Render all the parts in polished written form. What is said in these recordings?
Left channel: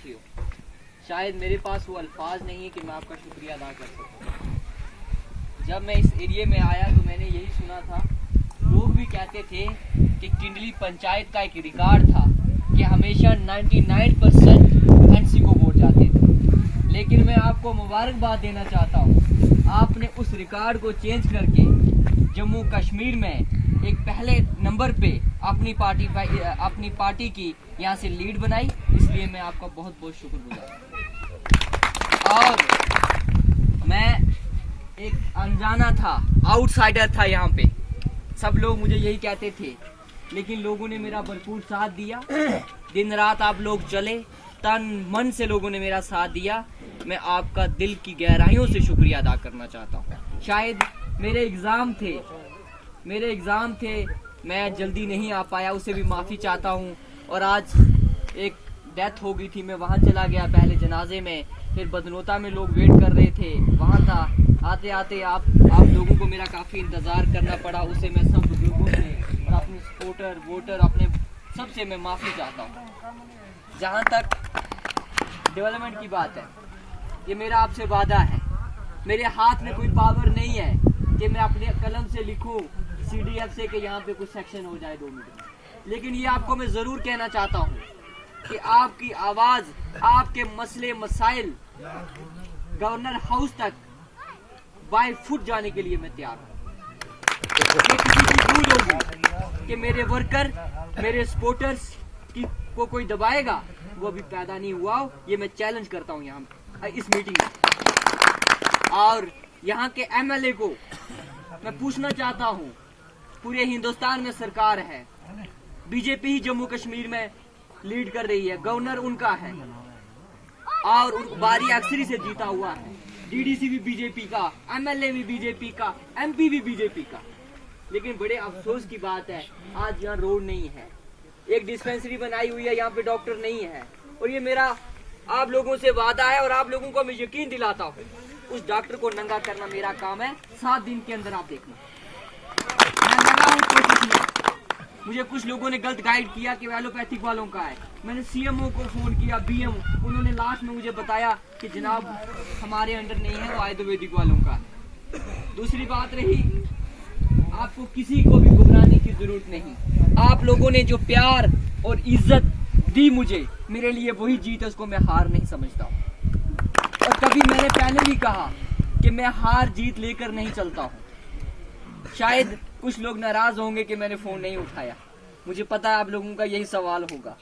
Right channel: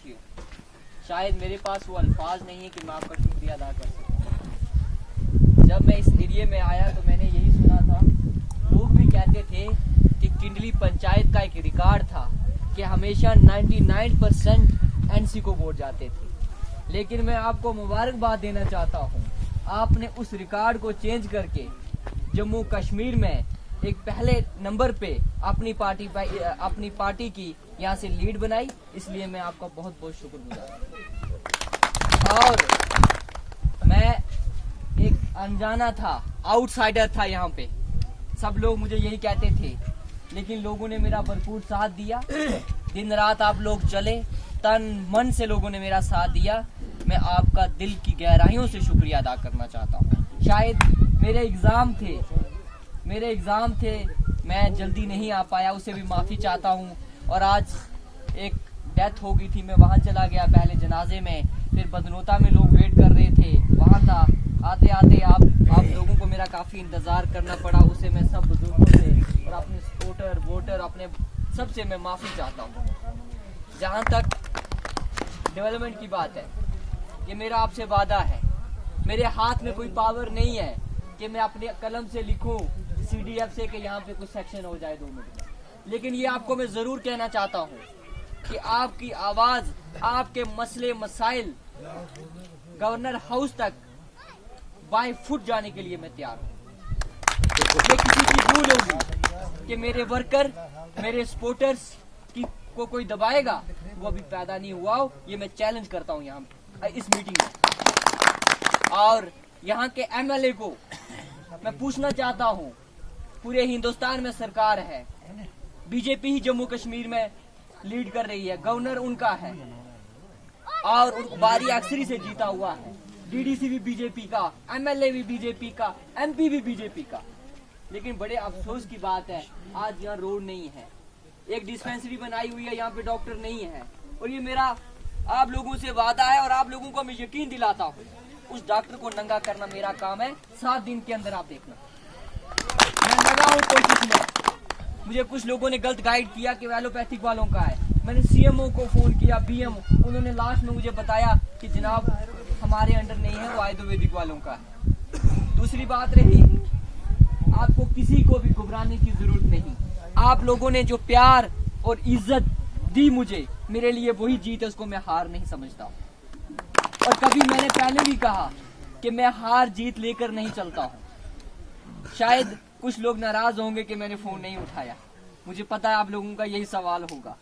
साथियों, शायद मेरे पास वो अल्फाज नहीं है कि मैं आपका शुक्रिया अदा कर सकूं। जब मैं इस एरिया में आया तो मैंने यही सुना था, लोग भी कहते थे कि किंडली पंचायत का एक रिकॉर्ड था कि हमेशा 99% एनसी को वोट जाते थे। लेकिन मैं आपको मुबारकबाद देना चाहता हूँ, आपने उस रिकॉर्ड को चेंज करके जम्मू कश्मीर में एक पहले नंबर पे अपनी पार्टी की यहाँ से लीड बनाई। इसलिए मैं आपका बहुत बहुत शुक्रगुजार हूँ। और मैं एक अनजाना था, आउटसाइडर था यहाँ पे, सब लोग मुझे यही कहते थे, लेकिन लोगों ने मेरा भरपूर साथ दिया। दिन रात आप लोग चले, तन मन से लोगों ने मेरा साथ दिया। मैं आपका दिल की गहराइयों से शुक्रिया अदा करना चाहता हूँ। शायद मेरे एग्ज़ाम थे, मैं जल्दी नहीं आ पाया, उसे भी माफ़ी चाहता हूँ। और आज एक डेथ हो गई थी, मैं वहाँ चला गया पहले जनाजे में, फिर बदनोता में लोग वेट कर रहे थे, वहाँ था। आते आते आप लोगों को मेरा काफ़ी इंतज़ार करना पड़ा। उसे मैं सब बुजुर्गों से और अपने सपोर्टर वोटर अपने सबसे मैं माफ़ी चाहता हूँ। जहाँ तक डेवलपमेंट की बात है, ये मेरा आपसे वादा है। मेरे हाथ में कोई पावर नहीं है कि मैं अपने कलम से लिखूं CDF से कि यहाँ पे कुछ सेक्शन हो जाए 2 मिनट में। लेकिन ये आपको मैं ज़रूर कहना चाहता हूँ कि आपकी आवाज़, आपके मसले मसाइल गवर्नर हाउस तक बाय फुट जाने के लिए मैं तैयार हूँ। मैं किसी की भूल होगी कि मेरे वर्कर, मेरे सपोर्टर्स को कोई दबाएगा, वो अभी पैदा नहीं हुआ हो। ये मैं चैलेंज करता हूँ यहाँ इस मीटिंग में। और यहाँ के MLA को मैं पूछना चाहता हूँ, पूरे हिंदुस्तान में सरकार है, बीजेपी ही जम्मू कश्मीर में लीड कर रही है, गवर्नर उनका है और बारी अक्सरी से जीता हुआ है। DDC भी बीजेपी का, MLA भी बीजेपी का, MP भी बीजेपी का। लेकिन बड़े अफसोस की बात है, आज यहाँ रोड नहीं है, एक डिस्पेंसरी बनाई हुई है, यहाँ पे डॉक्टर नहीं है। और ये मेरा आप लोगों से वादा है और आप लोगों को मैं यकीन दिलाता हूँ, उस डॉक्टर को नंगा करना मेरा काम है। 7 दिन के अंदर आप देखना, मैं लगा हूँ कोशिश में। मुझे कुछ लोगों ने गलत गाइड किया कि एलोपैथिक वालों का है। मैंने CMO को फोन किया, BMO, उन्होंने लास्ट में मुझे बताया कि जनाब हमारे अंडर नहीं है, वो आयुर्वेदिक वालों का है। दूसरी बात रही, आपको किसी को भी घबराने की जरूरत नहीं। आप लोगों ने जो प्यार और इज्जत दी मुझे, मेरे लिए वही जीत है, उसको मैं हार नहीं समझता। और कभी मैंने पहले भी कहा कि मैं हार जीत लेकर नहीं चलता हूँ। शायद कुछ लोग नाराज होंगे कि मैंने फोन नहीं उठाया, मुझे पता है आप लोगों का यही सवाल होगा।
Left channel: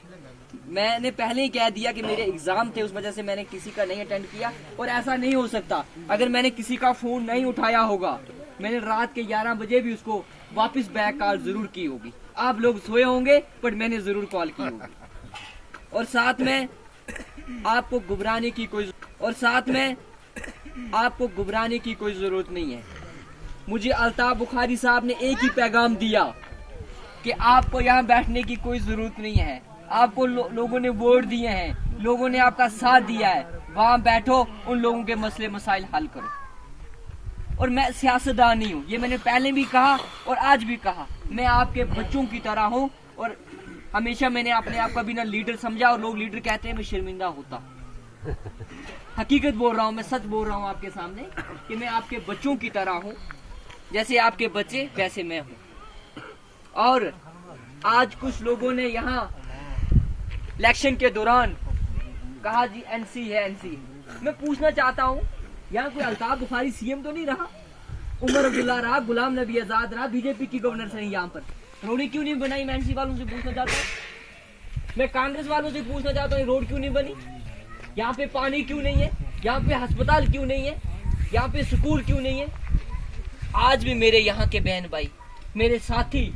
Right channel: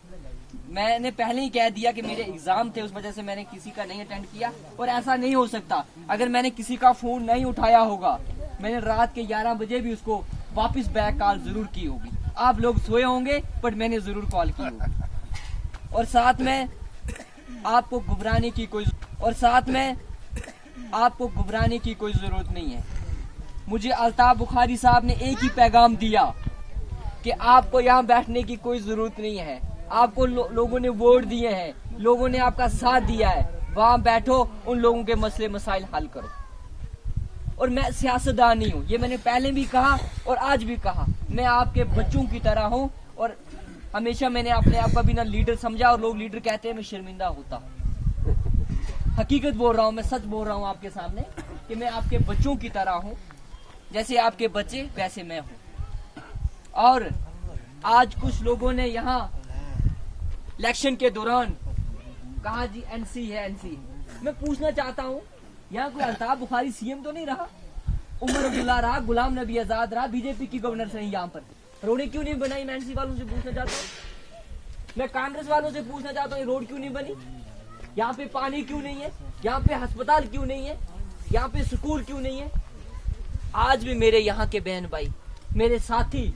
मैंने पहले ही कह दिया कि मेरे एग्जाम थे, उस वजह से मैंने किसी का नहीं अटेंड किया। और ऐसा नहीं हो सकता, अगर मैंने किसी का फोन नहीं उठाया होगा, मैंने रात के 11 बजे भी उसको वापस बैक कॉल जरूर की होगी। आप लोग सोए होंगे बट मैंने जरूर कॉल की होगी। और साथ में आपको घबराने की कोई जरूरत नहीं है। मुझे अल्ताफ बुखारी साहब ने एक ही पैगाम दिया कि आपको यहाँ बैठने की कोई जरूरत नहीं है। आपको लोगों ने वोट दिए हैं, लोगों ने आपका साथ दिया है, वहाँ बैठो, उन लोगों के मसले मसाइल हल करो। और मैं सियासतदान नहीं हूँ, ये मैंने पहले भी कहा और आज भी कहा। मैं आपके बच्चों की तरह हूँ और हमेशा मैंने अपने आप का बिना लीडर समझा। और लोग लीडर कहते हैं, मैं शर्मिंदा होता। हकीकत बोल रहा हूँ, मैं सच बोल रहा हूँ आपके सामने कि मैं आपके बच्चों की तरह हूँ। जैसे आपके बच्चे वैसे मैं हूँ। और आज कुछ लोगों ने यहाँ इलेक्शन के दौरान कहा जी NC है, NC। मैं पूछना चाहता हूँ, यहाँ कोई अल्ताफ बुखारी CM तो नहीं रहा, उमर अब्दुल्ला रहा, गुलाम नबी आजाद रहा, बीजेपी की गवर्नर से नहीं। यहाँ पर रोडें क्यों नहीं बनाई? मैं NC वालों से पूछना चाहता हूँ। मैं कांग्रेस वालों से पूछना चाहता हूँ, रोड क्यों नहीं बनी? यहाँ पे पानी क्यों नहीं है? यहाँ पे अस्पताल क्यों नहीं है? यहाँ पे स्कूल क्यों नहीं है? आज भी मेरे यहाँ के बहन भाई, मेरे साथी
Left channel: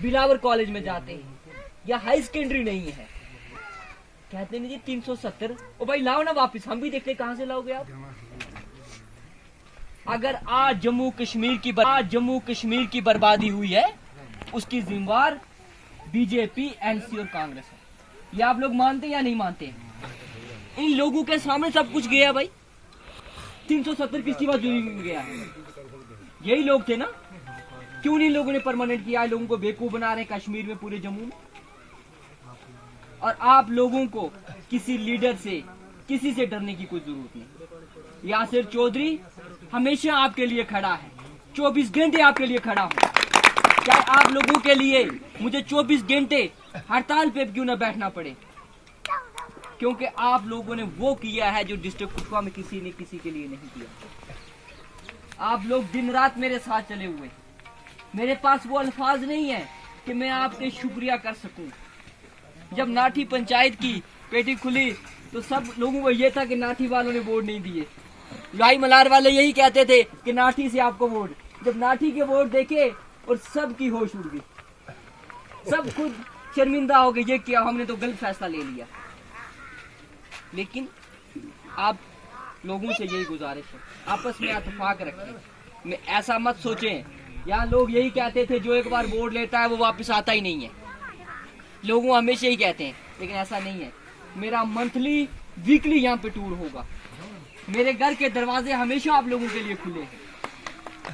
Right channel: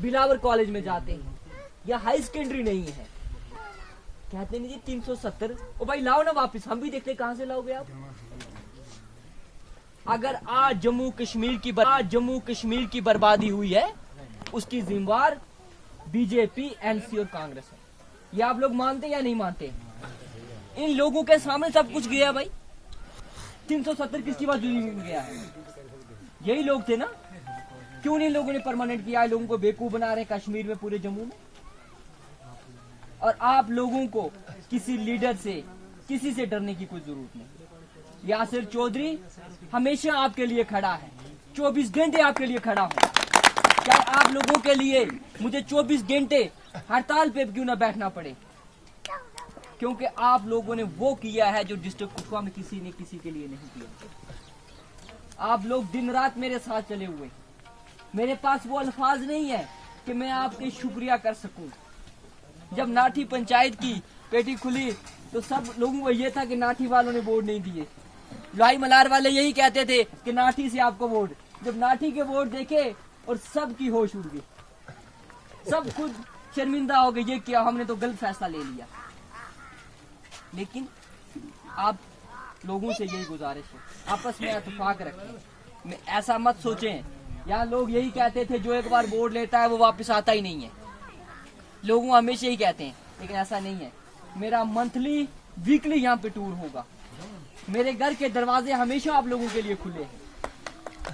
बिलावर कॉलेज में जाते हैं, या हाई सेकेंडरी नहीं है, कहते नहीं जी 370। ओ भाई लाओ ना वापस, हम भी देखते कहां से लाओगे आप। अगर आज जम्मू कश्मीर की बर्बादी हुई है, उसकी जिम्मेवार बीजेपी, NC और कांग्रेस है। ये आप लोग मानते या नहीं मानते? इन लोगों के सामने सब कुछ गया भाई। 370 किसकी मजदूरी में गया? यही लोग थे ना। क्यों नहीं लोगों ने परमानेंट किया? लोगों को बेवकूफ बना रहे कश्मीर में, पूरे जम्मू में। और आप लोगों को किसी लीडर से, किसी से डरने की कोई जरूरत नहीं। यासिर चौधरी हमेशा आपके लिए खड़ा है, 24 घंटे आपके लिए खड़ा हूँ। चाहे आप लोगों के लिए मुझे 24 घंटे हड़ताल पे क्यों ना बैठना पड़े, क्योंकि आप लोगों ने वो किया है जो डिस्ट्रिक्ट कुपवाड़ा में किसी ने किसी के लिए नहीं किया। आप लोग दिन रात मेरे साथ चले हुए। मेरे पास वो अल्फाज नहीं है कि मैं आपके शुक्रिया कर सकूं। जब नाठी पंचायत की पेटी खुली तो सब लोगों को ये था कि नाठी वालों ने वोट नहीं दिए। लाई मलार वाले यही कहते थे कि नाठी से आपको वोट। जब नाठी के वोट देखे और सबकी होश उड़ गई, सब खुद शर्मिंदा हो गए, ये क्या हमने तो गलत फैसला ले लिया। लेकिन आप लोगों से यही गुजारिश है, आपस में इत्तेफाक रखें। मैं ऐसा मत सोचें, यहाँ लोग यही कहते थे जो एक बार वोट लेता है वो वापस आता ही नहीं है। लोग हमेशा ही कहते हैं, लेकिन ऐसा नहीं है। मेरा मंथली वीकली यहाँ पे टूर होगा। मेरे घर के दरवाजे हमेशा आप लोगों के लिए खुले हैं।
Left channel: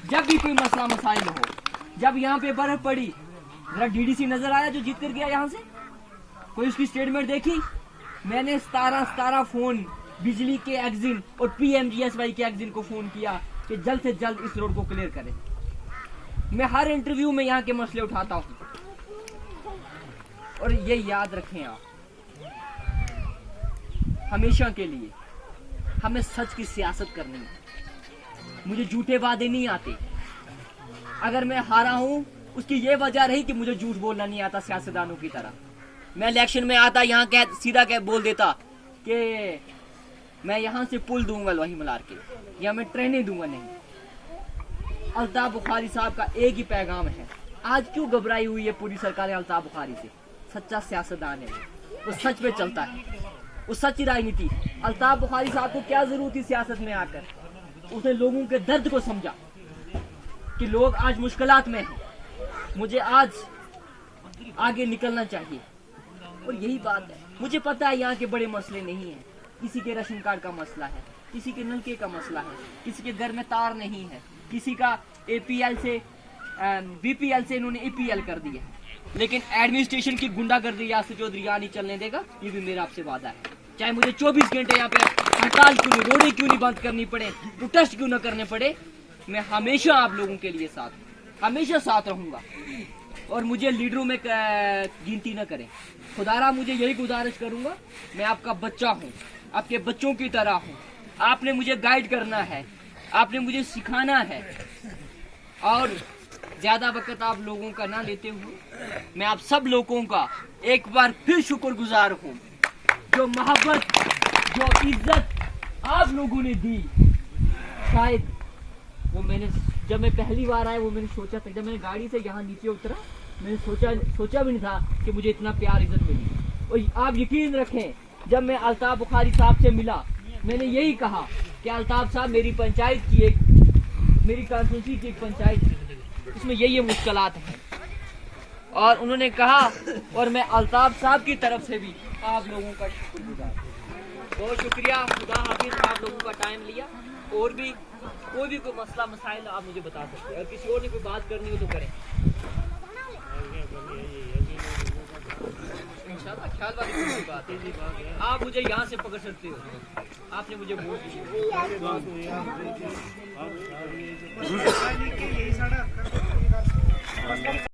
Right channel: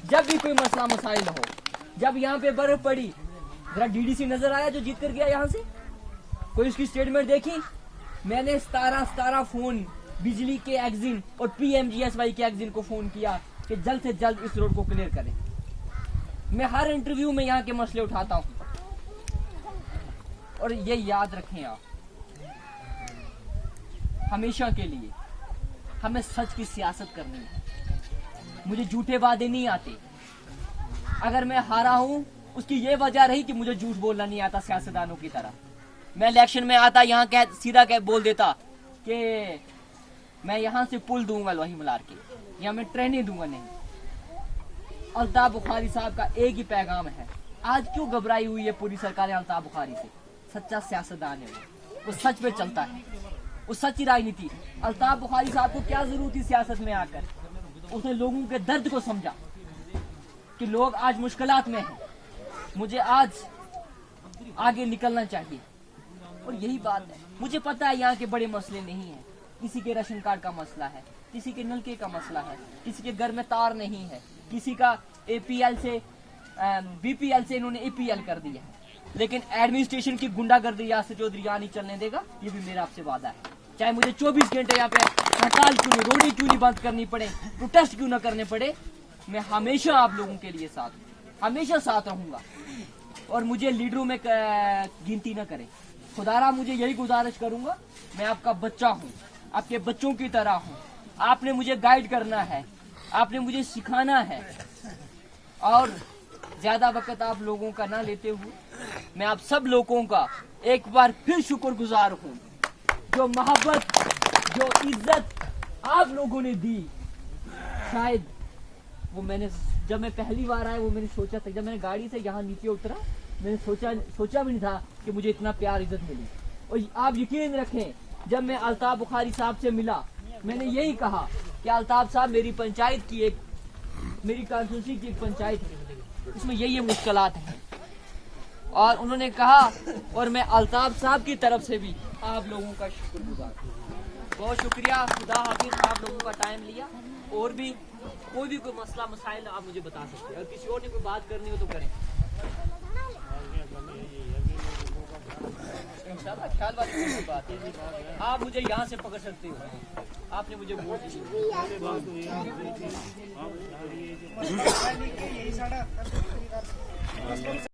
जब भी कोई मसला मसाइल हो, जब यहाँ पे बर्फ पड़ी, जरा डीडीसी नजर आया जो जीत कर गया यहाँ से, कोई उसकी स्टेटमेंट देखी? मैंने 17 फोन बिजली के एग्जिन और PMGSY के एग्जिन को फोन किया कि जल्द से जल्द इस रोड को क्लियर करें। मैं हर इंटरव्यू में यहाँ के मसले उठाता हूँ। और ये याद रखें आप, हमेशा के लिए हमें सच की सियासत करनी है। मुझे झूठे वादे नहीं आते। अगर मैं हारा हूं उसकी ये वजह रही कि मुझे झूठ बोलना नहीं आता सियासतदानों की तरह। मैं इलेक्शन में आता यहाँ सीधा बोल देता कि मैं यहाँ से पुल दूंगा लोही मलार के, या मैं ट्रेनें दूंगा। नहीं, अल्ताफ बुखारी साहब का एक ही पैगाम है। आज क्यों घबराई हुई है पूरी सरकार अल्ताफ बुखारी से? सच्चा सियासतदान है, वो सच पे चलता है, वो सच्ची राजनीति। अल्ताफ बुखारी साहब को क्या जरूरत थी सियासत में आकर? उसने लोगों के दर्द को समझा कि लोग आज मुश्किलात में हैं, मुझे आज आगे निकलना चाहिए। और यही बात है। मुझे पता है यहाँ के बड़े मसले नहीं है। किसी के राशन कार्ड का मसला है, किसी के नलके का मसला है, किसी के घर में तार नहीं है, किसी का APL से BPL से इन्होंने APL कर दिया है। लेकिन एडमिनिस्ट्रेशन की गुंडागर्दी यासिर चौधरी यहाँ नहीं चलने देगा। ये भी मेरा आपसे वादा है। चाहे मुझे 24 घंटे यहाँ पे हड़ताल क्यों नहीं, रोडी क्यों नहीं बंद करनी पड़े, प्रोटेस्ट क्यों ना करने पड़े, मैं हमेशा आप लोगों के लिए हमेशा साथ रहूंगा। और मुझे लीडरों में गिनती न करें। खुदारा मुझे यही गुजारिश करूंगा, मैं आपका बच्चा हूँ, आपके बच्चों की तरह हूँ। आपने मुझे गाइड करना है, आपने मुझे सिखाना है। और ज्यादा वक्त आप लोगों का ना लेते हुए मैं आप सब लोगों का एक बार फिर शुक्रगुजार हूँ। जो मोहब्बत, जो इज्जत आप लोगों ने दी, शायद वो मैंने जब मैं पहली बार आया वो मैंने सोचा था, जब मैंने गाड़ी से यहाँ नीचे उतरा मैंने सोचा भी नहीं था कि मुझे इतना प्यार इज्जत मिली। और आप यकीन रखें, जब मैं अल्ताफ बुखारी साहब से मिला मैंने यही कहा कि अल्ताफ साहब मेरी पंचायत की मेरी कॉन्स्टिट्यूंसी की एक पंचायत है, इसमें ये मुश्किलात हैं। और उन्होंने कहा, और मैं अल्ताफ साहब की तरफ से भी आप लोगों का शुक्रगुजार हूं। बहुत शुक्रिया। खुदा हाफिज। आप लोगों का टाइम लिया। और भी कोई मसला मसाइल आप मुझे बता सकते हैं। अगर किसी और ने कोई बात करनी हो तो करें। इंशाल्लाह ख्याल वाली बात है। आप मुझे यहाँ से पकड़ सकते हो। आपने मुझे वोट दिया।